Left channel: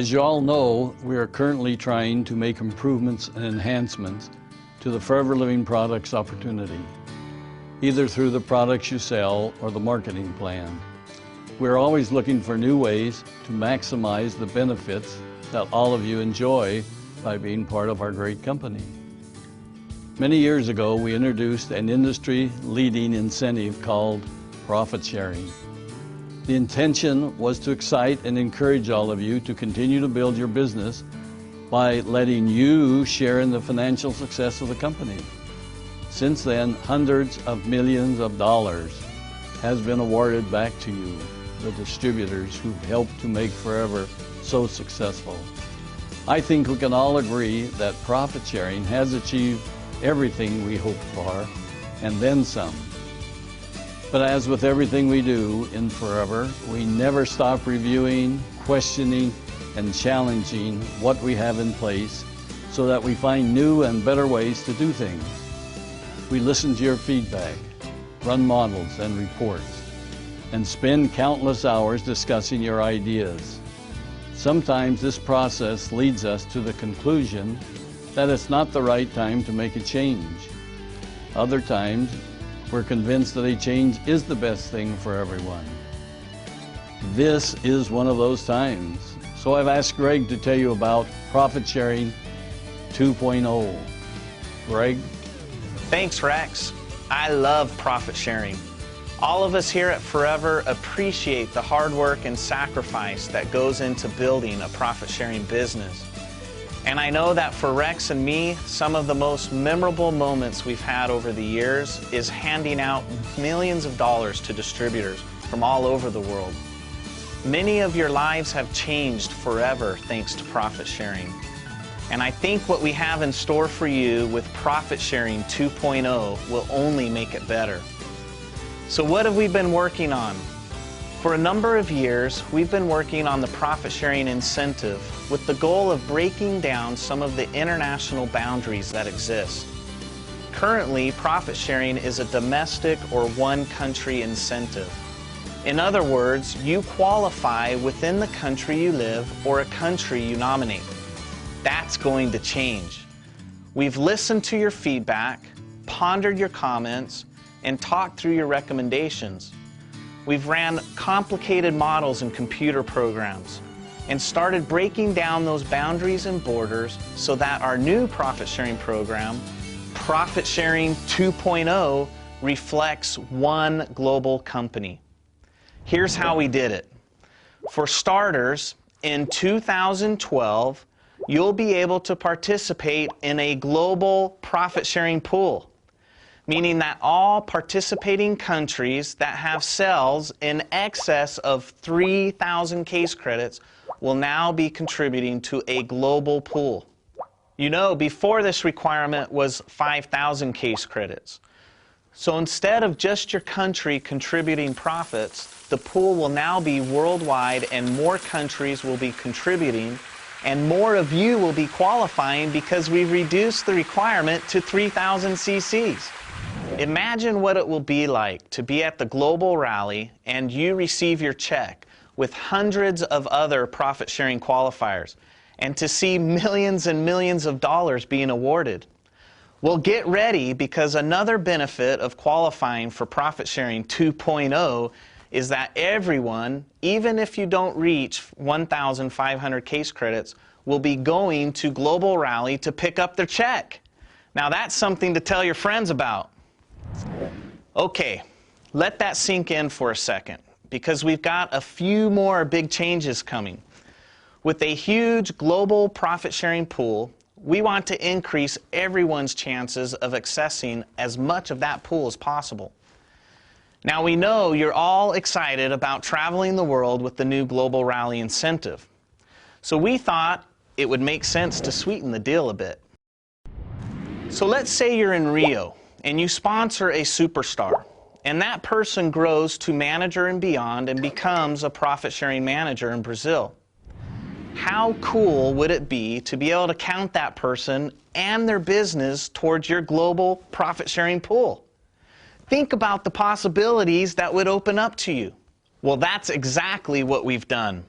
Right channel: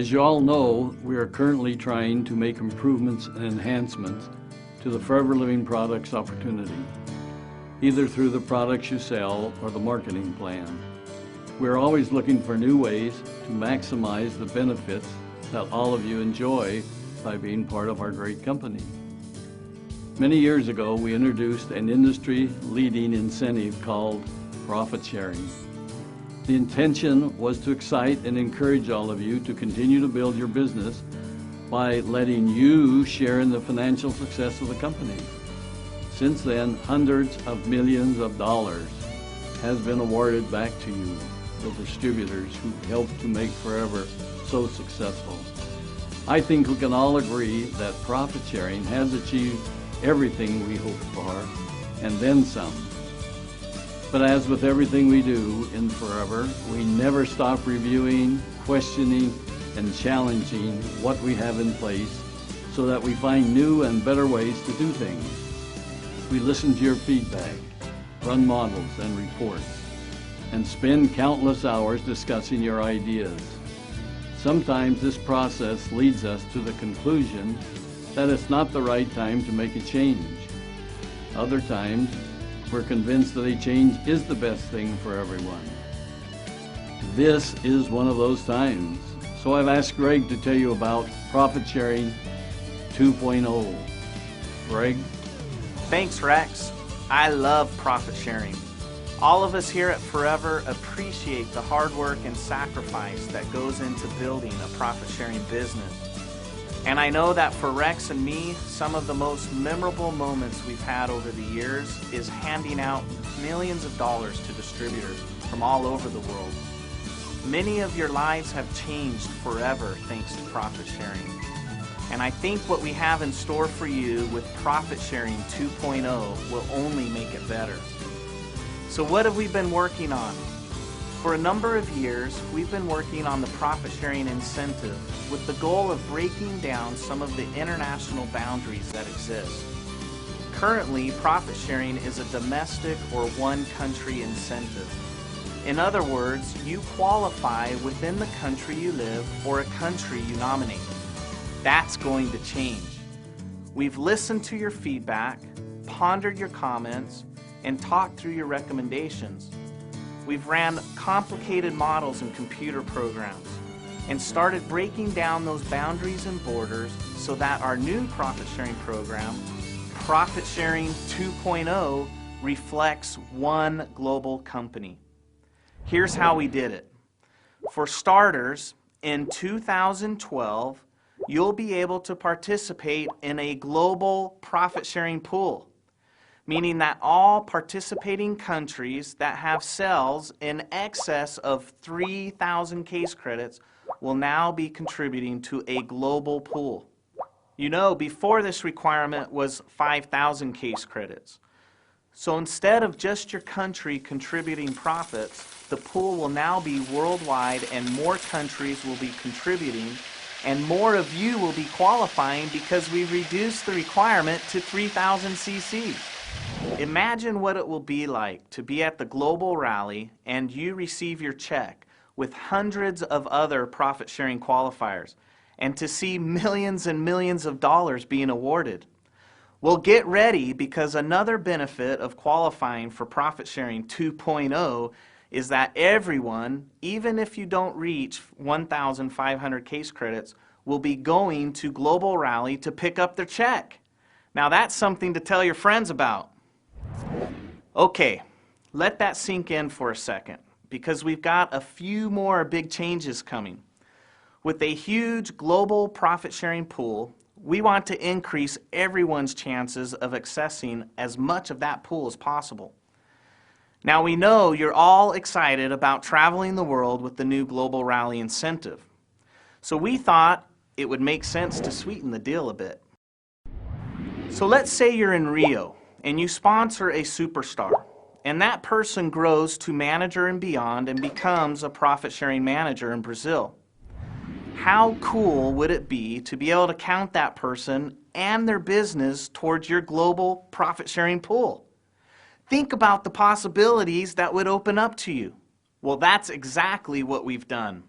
As you all know, we are currently trying to make improvements and enhancements to the Forever Living Products opportunity, either through the products you sell or the marketing plan. We're always looking for new ways to maximize the benefits that all of you enjoy by being part of our great company. Many years ago, we introduced an industry-leading incentive called profit sharing. The intention was to excite and encourage all of you to continue to build your business by letting you share in the financial success of the company. Since then, hundreds of millions of dollars has been awarded back to you, the distributors who helped to make Forever so successful. I think we can all agree that profit sharing has achieved everything we hoped for, and then some. But as with everything we do in Forever, we never stop reviewing, questioning, and challenging what we have in place so that we find new and better ways to do things. We listen to your feedback, run models and reports, and spend countless hours discussing your ideas. Sometimes this process leads us to the conclusion that it's not the right time to make a change. Other times, we're convinced that a change is the best thing for everyone. This is one of those times. So I've asked Greg to tell you about Profit Sharing 2.0. Greg? Thanks, Rex. I love profit sharing. All of us here at Forever appreciate the hard work and sacrifice that goes into building a profit sharing business. And I know that for Rex and me, some of the most memorable moments we've had over the years is handing out millions of dollars to distributors from all over the world. Many of your lives have changed forever thanks to profit sharing. And I think what we have in store for you with Profit Sharing 2.0 will only make it better. So what have we been working on? For a number of years, we've been working on the profit sharing incentive with the goal of breaking down some of the international boundaries that exist. Currently, profit sharing is a domestic or one country incentive. In other words, you qualify within the country you live or a country you nominate. That's going to change. We've listened to your feedback, pondered your comments, and talked through your recommendations. We've ran complicated models and computer programs and started breaking down those boundaries and borders so that our new profit sharing program, Profit Sharing 2.0, reflects one global company. Here's how we did it. For starters, in 2012, you'll be able to participate in a global profit sharing pool, meaning that all participating countries that have sales in excess of 3,000 case credits will now be contributing to a global pool. You know, before this requirement was 5,000 case credits. So instead of just your country contributing profits, the pool will now be worldwide and more countries will be contributing and more of you will be qualifying because we've reduced the requirement to 3,000 cc's. Imagine what it will be like to be at the global rally and you receive your check with hundreds of other profit-sharing qualifiers and to see millions and millions of dollars being awarded. Well, get ready because another benefit of qualifying for Profit Sharing 2.0 is that everyone, even if you don't reach 1,500 case credits, will be going to Global Rally to pick up their check. Now that's something to tell your friends about. Okay, let that sink in for a second because we've got a few more big changes coming. With a huge global profit sharing pool, we want to increase everyone's chances of accessing as much of that pool as possible. Now we know you're all excited about traveling the world with the new Global Rally incentive. So we thought it would make sense to sweeten the deal a bit. So let's say you're in Rio and you sponsor a superstar and that person grows to manager and beyond and becomes a profit-sharing manager in Brazil. How cool would it be to be able to count that person and their business towards your global profit-sharing pool? Think about the possibilities that would open up to you. Well, that's exactly what we've done.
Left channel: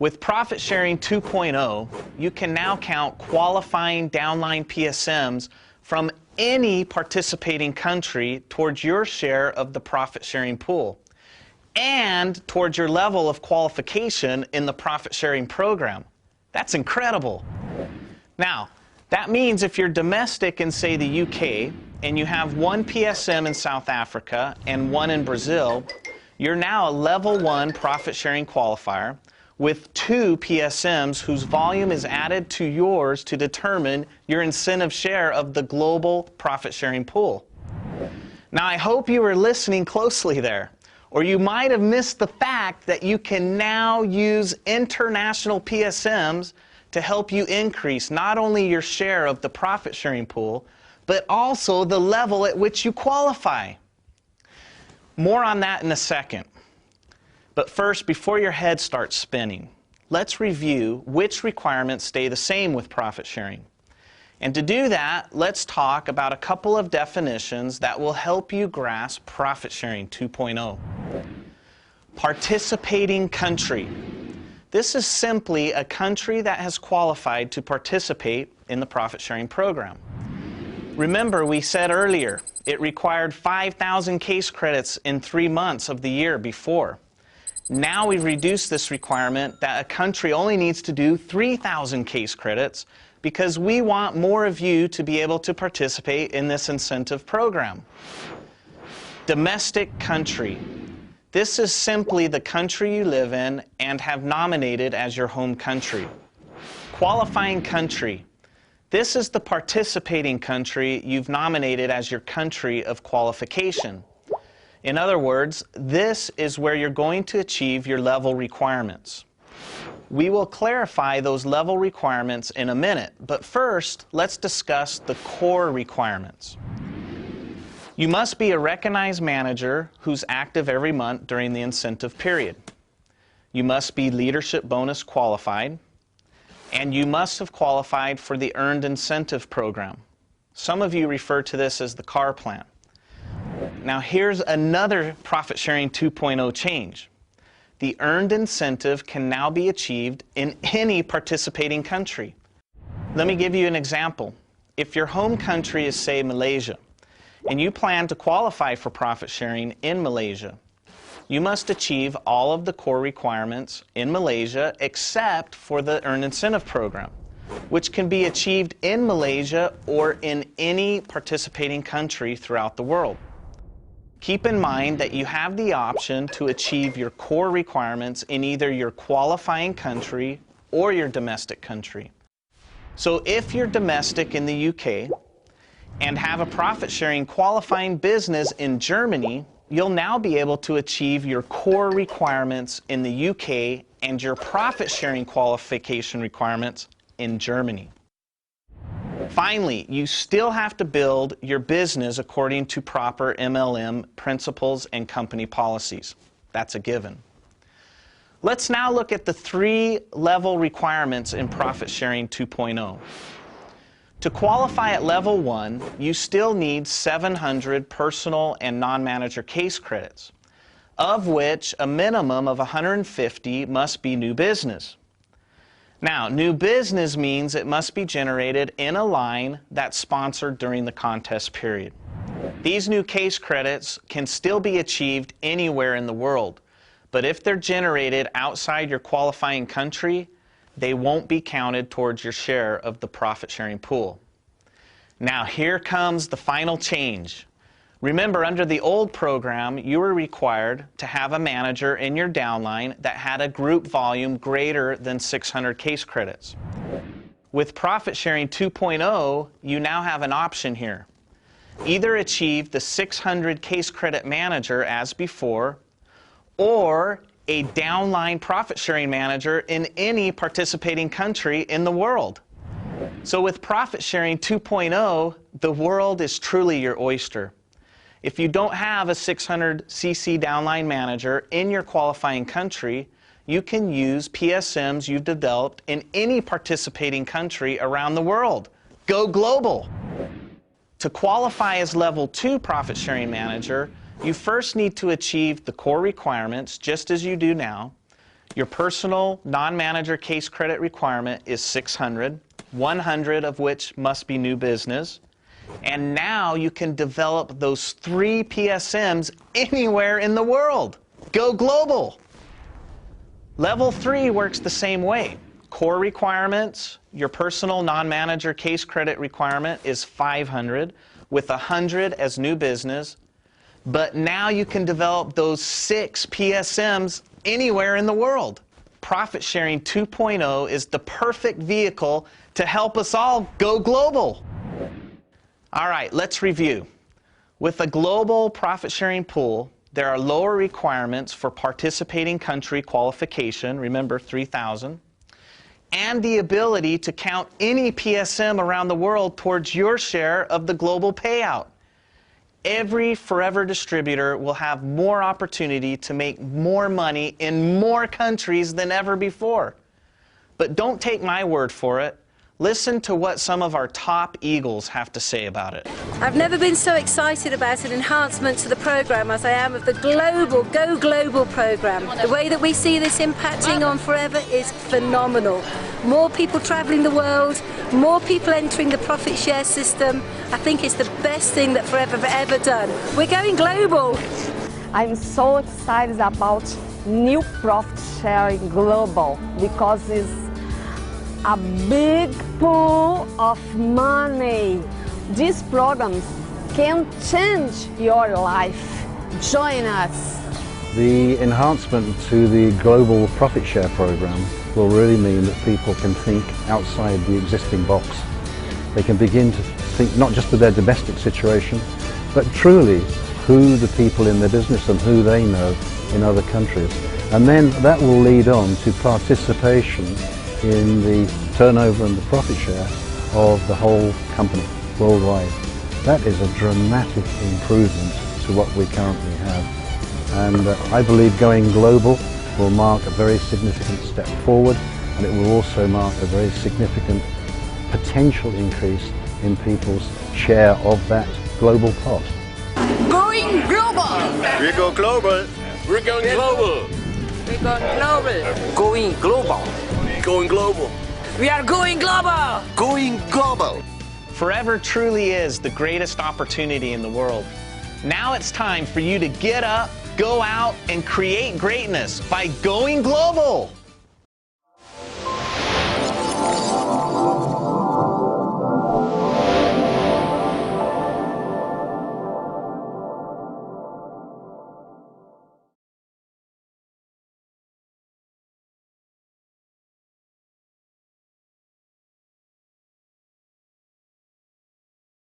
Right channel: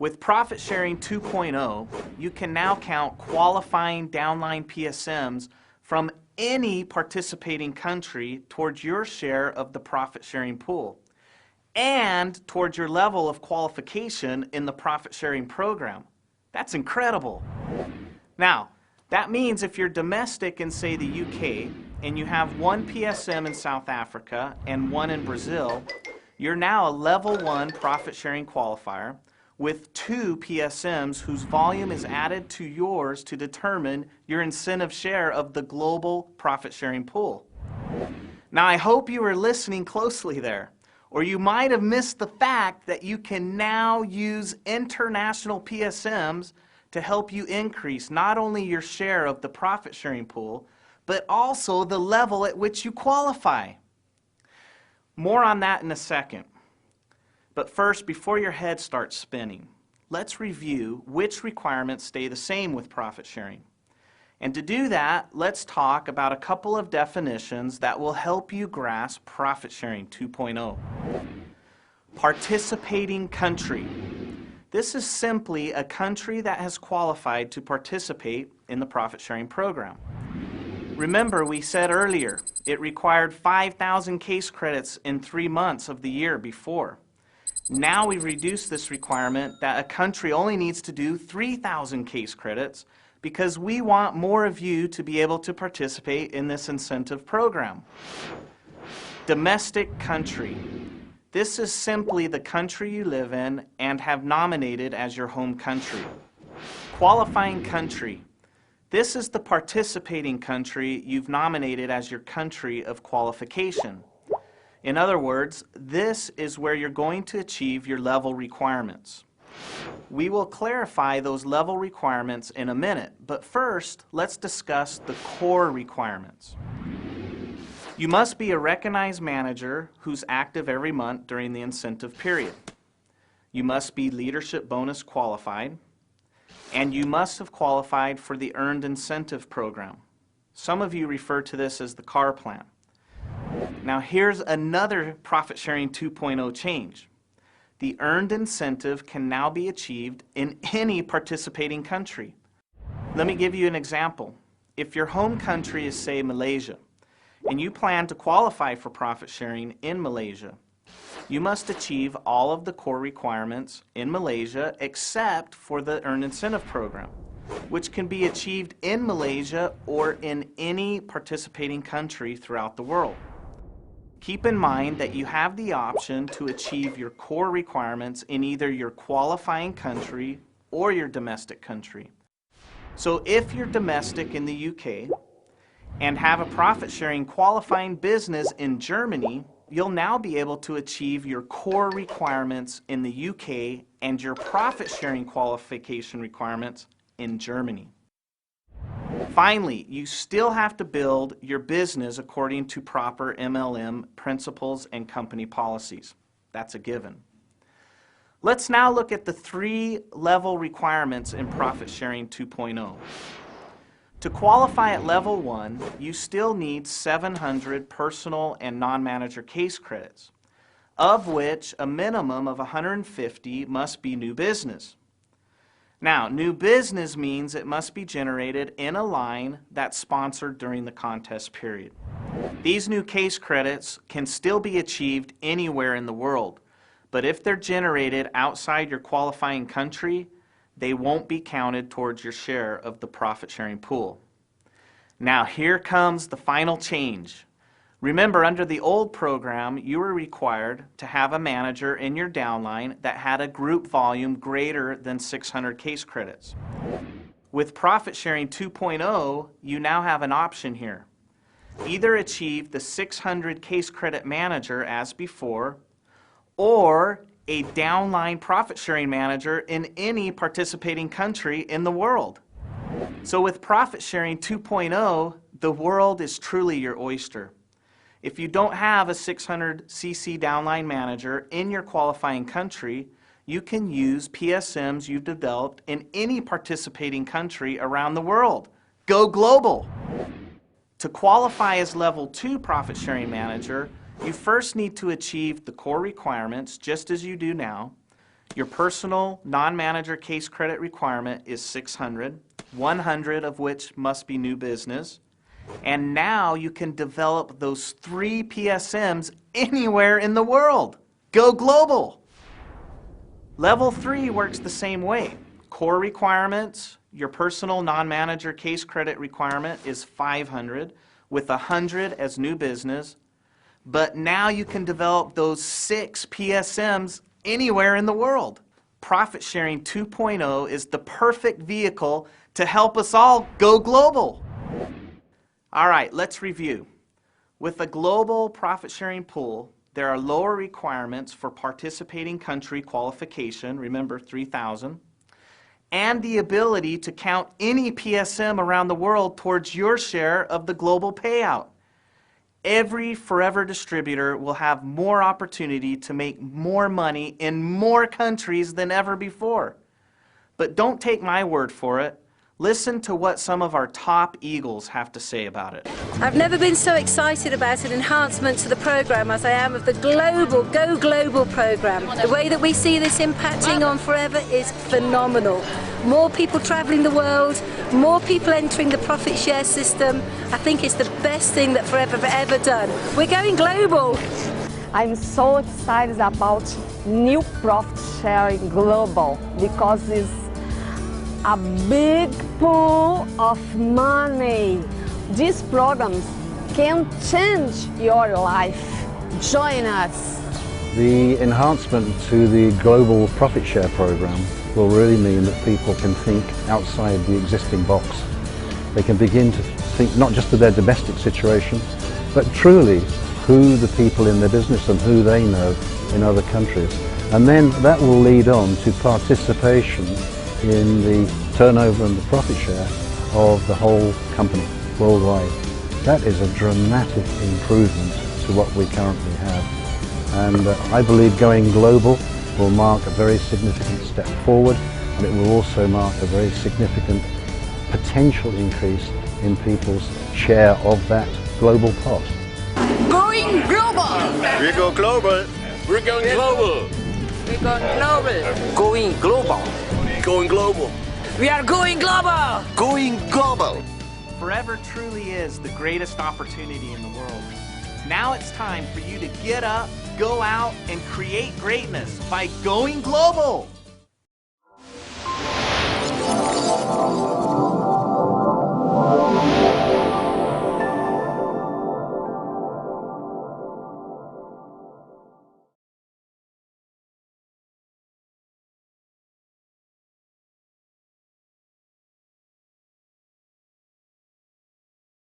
With Profit Sharing 2.0, you can now count qualifying downline PSMs from any participating country towards your share of the profit sharing pool and towards your level of qualification in the profit sharing program. That's incredible. Now, that means if you're domestic in, say, the UK, and you have one PSM in South Africa and one in Brazil, you're now a level 1 profit sharing qualifier with 2 PSMs whose volume is added to yours to determine your incentive share of the global profit sharing pool. Now, I hope you were listening closely there, or you might have missed the fact that you can now use international PSMs to help you increase not only your share of the profit sharing pool, but also the level at which you qualify. More on that in a second. But first, before your head starts spinning, let's review which requirements stay the same with profit sharing. And to do that, let's talk about a couple of definitions that will help you grasp Profit Sharing 2.0. Participating country. This is simply a country that has qualified to participate in the profit sharing program. Remember, we said earlier, it required 5,000 case credits in 3 months of the year before. Now we've reduced this requirement that a country only needs to do 3,000 case credits because we want more of you to be able to participate in this incentive program. Domestic country. This is simply the country you live in and have nominated as your home country. Qualifying country. This is the participating country you've nominated as your country of qualification. In other words, this is where you're going to achieve your level requirements. We will clarify those level requirements in a minute, but first, let's discuss the core requirements. You must be a recognized manager who's active every month during the incentive period. You must be leadership bonus qualified, and you must have qualified for the Earned Incentive Program. Some of you refer to this as the CAR plan. Now here's another Profit Sharing 2.0 change. The earned incentive can now be achieved in any participating country. Let me give you an example. If your home country is, say, Malaysia, and you plan to qualify for profit sharing in Malaysia, you must achieve all of the core requirements in Malaysia except for the Earned Incentive Program, which can be achieved in Malaysia or in any participating country throughout the world. Keep in mind that you have the option to achieve your core requirements in either your qualifying country or your domestic country. So if you're domestic in the UK and have a profit-sharing qualifying business in Germany, you'll now be able to achieve your core requirements in the UK and your profit-sharing qualification requirements in Germany. Finally, you still have to build your business according to proper MLM principles and company policies. That's a given. Let's now look at the 3 level requirements in Profit Sharing 2.0. To qualify at level 1, you still need 700 personal and non-manager case credits, of which a minimum of 150 must be new business. Now, new business means it must be generated in a line that's sponsored during the contest period. These new case credits can still be achieved anywhere in the world, but if they're generated outside your qualifying country, they won't be counted towards your share of the profit sharing pool. Now, here comes the final change. Remember, under the old program, you were required to have a manager in your downline that had a group volume greater than 600 case credits. With Profit Sharing 2.0, you now have an option here. Either achieve the 600 case credit manager as before, or a downline profit sharing manager in any participating country in the world. So with Profit Sharing 2.0, the world is truly your oyster. If you don't have a 600 cc downline manager in your qualifying country, you can use PSMs you've developed in any participating country around the world. Go global! To qualify as level 2 profit sharing manager, you first need to achieve the core requirements just as you do now. Your personal non-manager case credit requirement is 600, 100 of which must be new business. And now you can develop those 3 PSMs anywhere in the world. Go global. Level 3 works the same way. Core requirements, your personal non-manager case credit requirement is 500 with 100 as new business. But now you can develop those 6 PSMs anywhere in the world. Profit Sharing 2.0 is the perfect vehicle to help us all go global. All right, let's review. With a global profit sharing pool, there are lower requirements for participating country qualification, remember 3,000, and the ability to count any PSM around the world towards your share of the global payout. Every Forever distributor will have more opportunity to make more money in more countries than ever before. But don't take my word for it. Listen to what some of our top eagles have to say about it. I've never been so excited about an enhancement to the program as I am of the global, Go Global program. The way that we see this impacting on Forever is phenomenal. More people traveling the world, more people entering the profit share system. I think it's the best thing that Forever have ever done. We're going global. I'm so excited about new profit sharing global because it's a big pool of money. These programs can change your life. Join us. The enhancement to the global profit share program will really mean that people can think outside the existing box. They can begin to think not just of their domestic situation, but truly who the people in their business and who they know in other countries. And then that will lead on to participation in the turnover and the profit share of the whole company worldwide. That is a dramatic improvement to what we currently have. And I believe going global will mark a very significant step forward, and it will also mark a very significant potential increase in people's share of that global pot. Going global! We go global! We're going global! We're going global! Going global! Going global! We are going global! Going global! Forever truly is the greatest opportunity in the world. Now it's time for you to get up, go out, and create greatness by going global!